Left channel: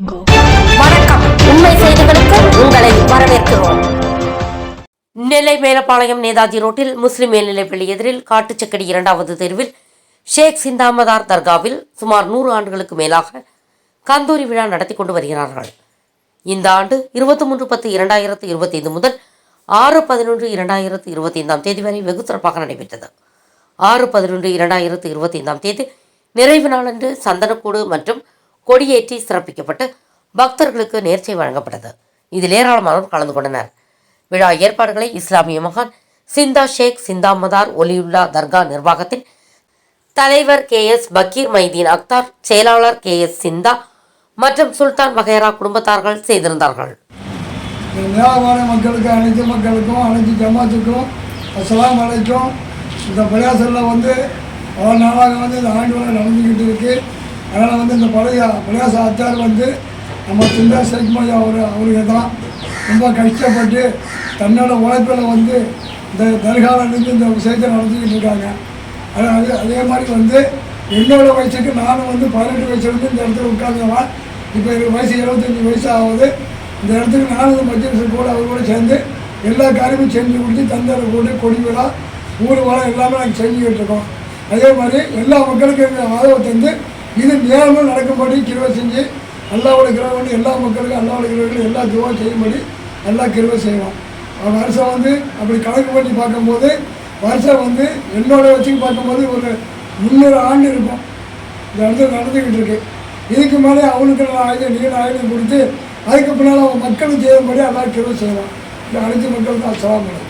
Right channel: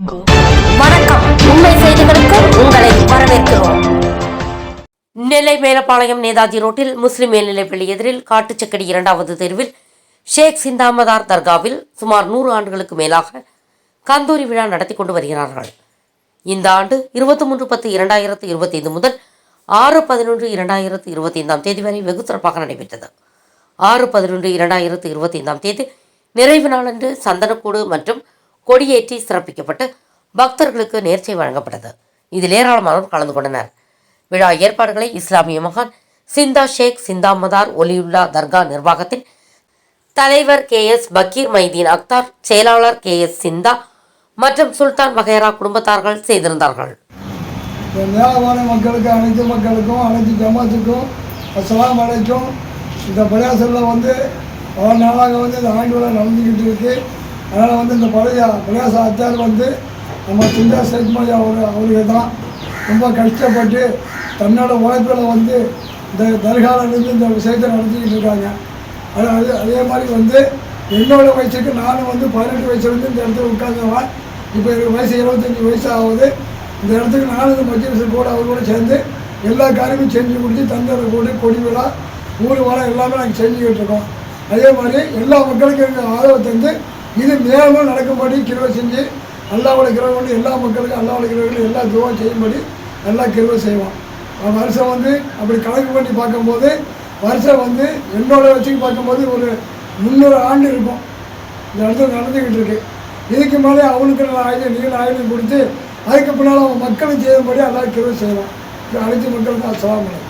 வணக்கம். உண்மை செய்திகளுக்கு உங்களை வரவேற்கிறோம். நெல்லை மேலப்பாளையம் நேதாஜி ரோட்டில் முஸ்லிம் மேல்நிலைப்பள்ளி எதிரில் காட்டுச்சக்கடி 2வது தெருவில் ஷேக் சிந்தாமதார் தர்காவில் சுமார் 100 ஆண்டுகளுக்கு மேலாக கந்தூரி விழா நடத்தி கொண்டு வருகிறார்கள். இந்த ஆண்டு 23/10/2025 முதல் 6/11/2025 வரை வெகு சிறப்பாக நடைபெற்றது. 6/11/2025 நிறைவு நாளன்று சந்தனக்கூடு மற்றும் கொடியேற்றி சிறப்பிக்கப்பட்டு பக்தர்களுக்கு நேர்ச்சை வழங்கப்பட்டது. இதில் ஏராளமானோர் கலந்து கொண்டனர். விழா ஏற்பாடுகளை இஸ்லாமிய மகான் சிந்தா ஷேக் சிந்தாமதார் ஒலியுல்லா தர்கா நிர்வாகத்தின் தலைவர் KS பக்கீர் மைதீன் அக்தார், செயலாளர் KS சிந்தா மற்றும் சுல்தான் வகைரா குடும்பத்தார்கள் செய்திருந்தார்கள். மக்களுக்கு அனைத்து மக்களுக்கும் அனைத்து ஜமாத்துக்கும் அஸ்ஸலாமு அலைக்கும். இந்த பிரயாசத்தில் பல நாளாக இந்த ஆண்டு விழா நடந்துக்கிட்டு இருக்குது. அதனால் இந்த பழைய பிரயாச அச்சார் நம்ம சிந்தா ஷேக் மொழி அவருக்கு தான் ரொம்ப கஷ்டப்பட்டு தன்னோட உழைப்பில் இந்த தர்காவிலேருந்து இந்த விஷயத்தை நடத்திக்கிட்டு இருக்காங்க. அதே மாதிரி என்னோட வயசுக்கு நானும் 18 வயசுலேருந்து இந்த இடத்துல உட்காந்துருவேன். இப்போ எனக்கு வயசு 25 வயசு ஆகுது. இந்த இடத்துக்கு நானும் இந்த மஜ்லிஸ் கூட அவர் கூட சேர்ந்து எல்லா காரியமும் செஞ்சு கொடுத்து தந்தரை கூட கொடி விழா ஊர் வர எல்லாமே நாங்கள் செஞ்சுக்கிட்டு இருக்கோம். அதே மாதிரி எல்லா மக்களுக்கும் எங்கள் ஆதரவை தந்து இது மேலும் நடக்கும்படி கிருவை செஞ்சு அல்லாவோட கிருவை கொண்டு எல்லா மக்களுக்கும் அல்லாவோட கிருவை எல்லா துவம் செய்யும்படி நல்லா கிருவை செய்வோம். வருஷம் அப்படி கணக்கு பண்ணி பார்க்கும்போது வருஷம் என்னோட வச்சுக்கு பார்க்கும்போது ஒரு 300 ஆண்டு இருக்கும் இந்த இடத்துல நடந்துக்கிட்டு இருக்கு. இதுக்கு மேலே அவனுக்கு நீல ஆயுதம் கொடுத்து அதுக்கு பின்னால் அவங்க மக்களும் செய்யும்படி எல்லாம் கிருவை செய்வோம். இது அனைத்து மக்களுக்கும் அஸ்ஸலாமு அலைக்கும்.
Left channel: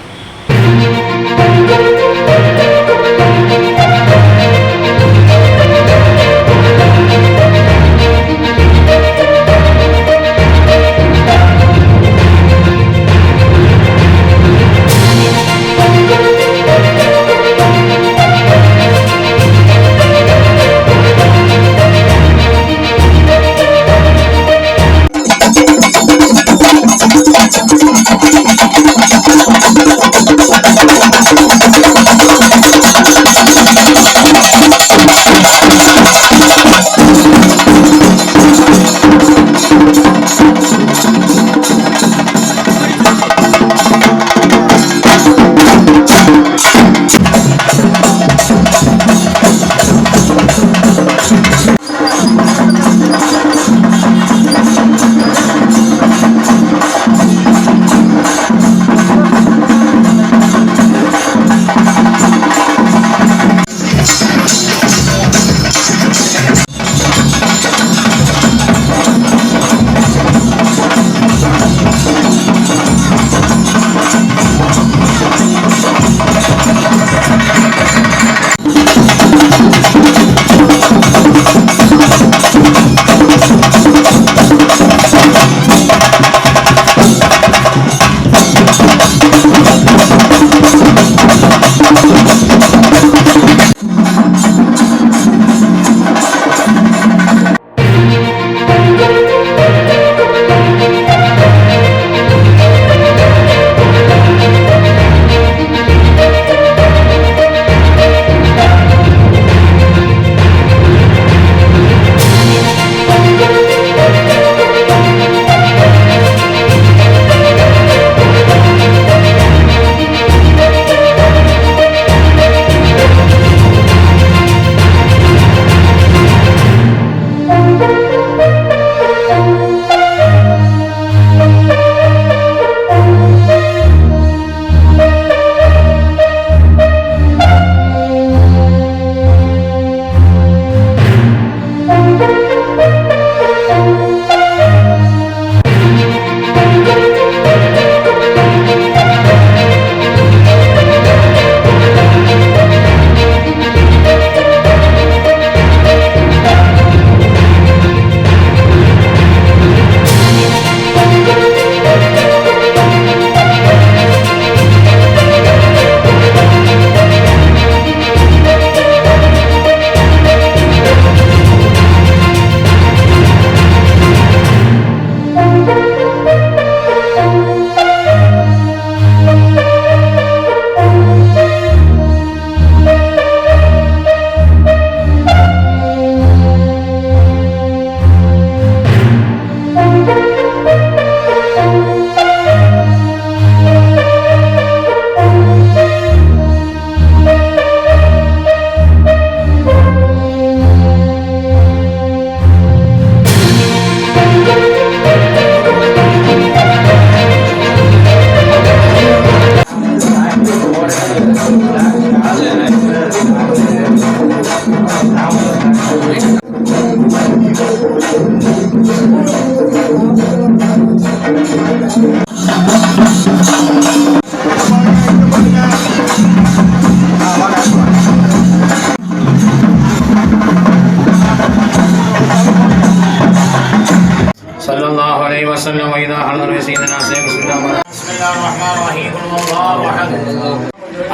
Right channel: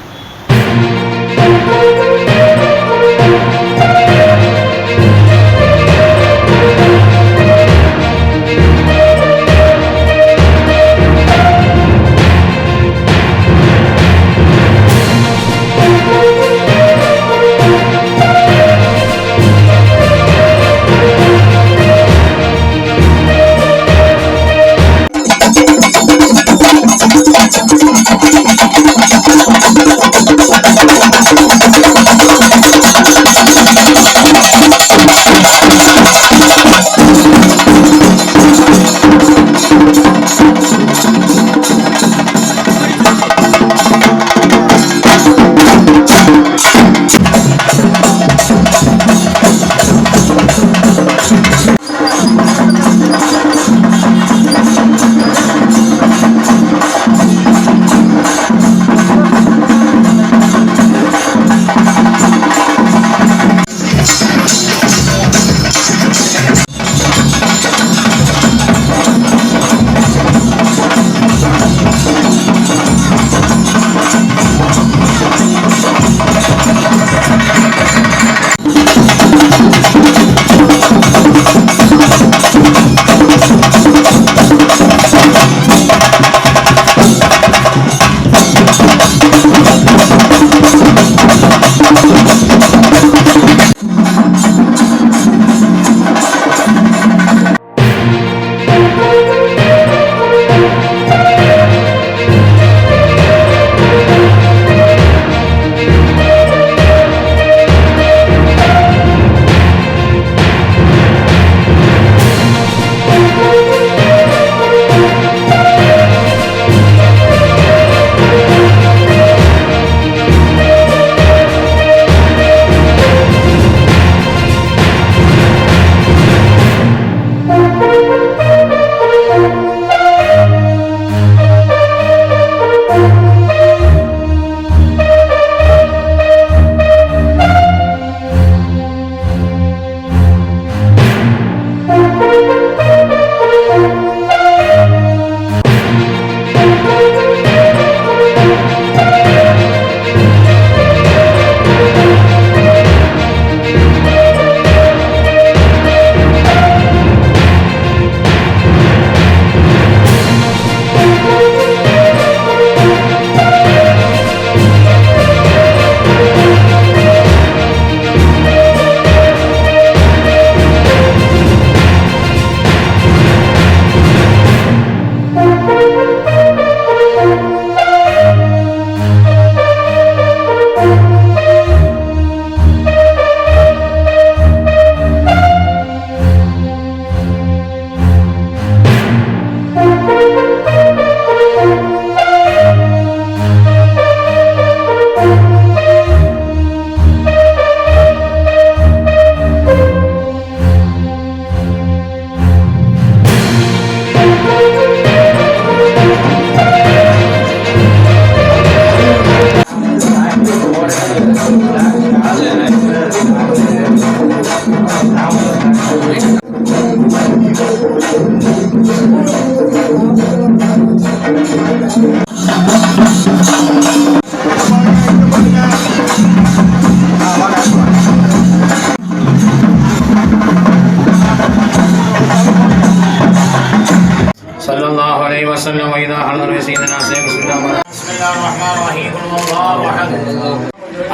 सल्लल्लाहु अलैहि वसल्लम इदा हज़र सय्यदना सय्यदना बिस्मिल्लाहिर रहमानिर रहीम कुल हुवल्लाहु अहद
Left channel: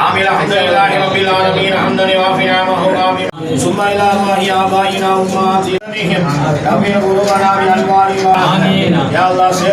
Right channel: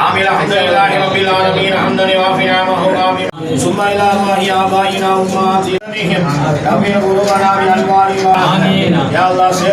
आमिल हम्दुलिल्लाहि रब्बिल आलमीन हम्दन युवाफि नि'महु आमीन सुम्मा इला अल्लाहि आबाइना उम्मातिहिम रब्बिल क़ुलूबना बि अनवारि आमीन या अल्लाह से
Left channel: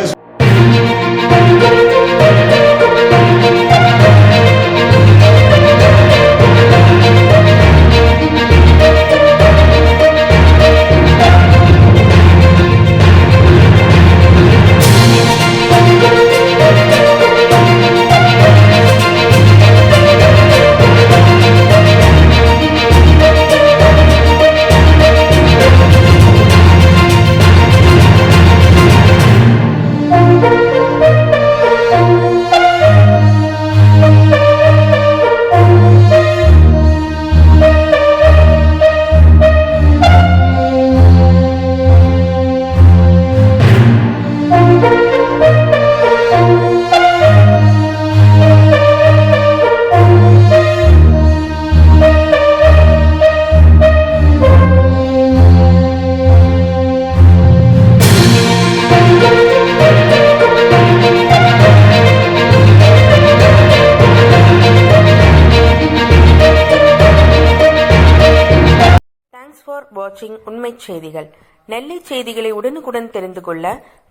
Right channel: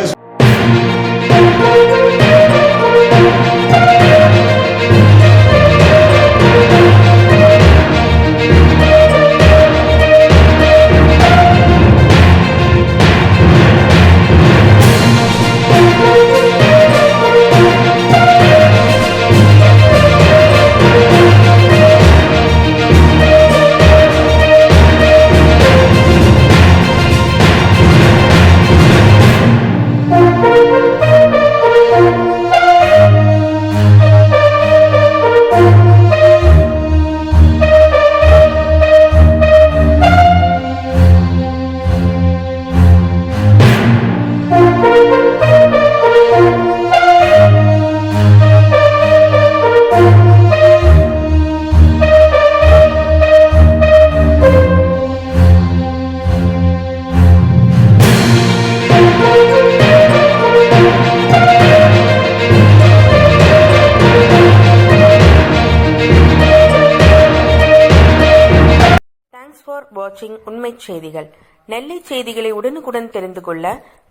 தேங்க்ஸ் ஃபார் வாட்சிங் உண்மை செய்திகள். நெல்லை செய்திகளை உடனுக்குடன் தெரிந்து கொள்ள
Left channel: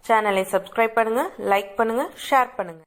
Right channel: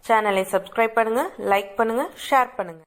சேனலை சப்ஸ்கிரைப் பண்ணுங்க, லைக் பண்ணுங்க, ஷேர் பண்ணுங்க.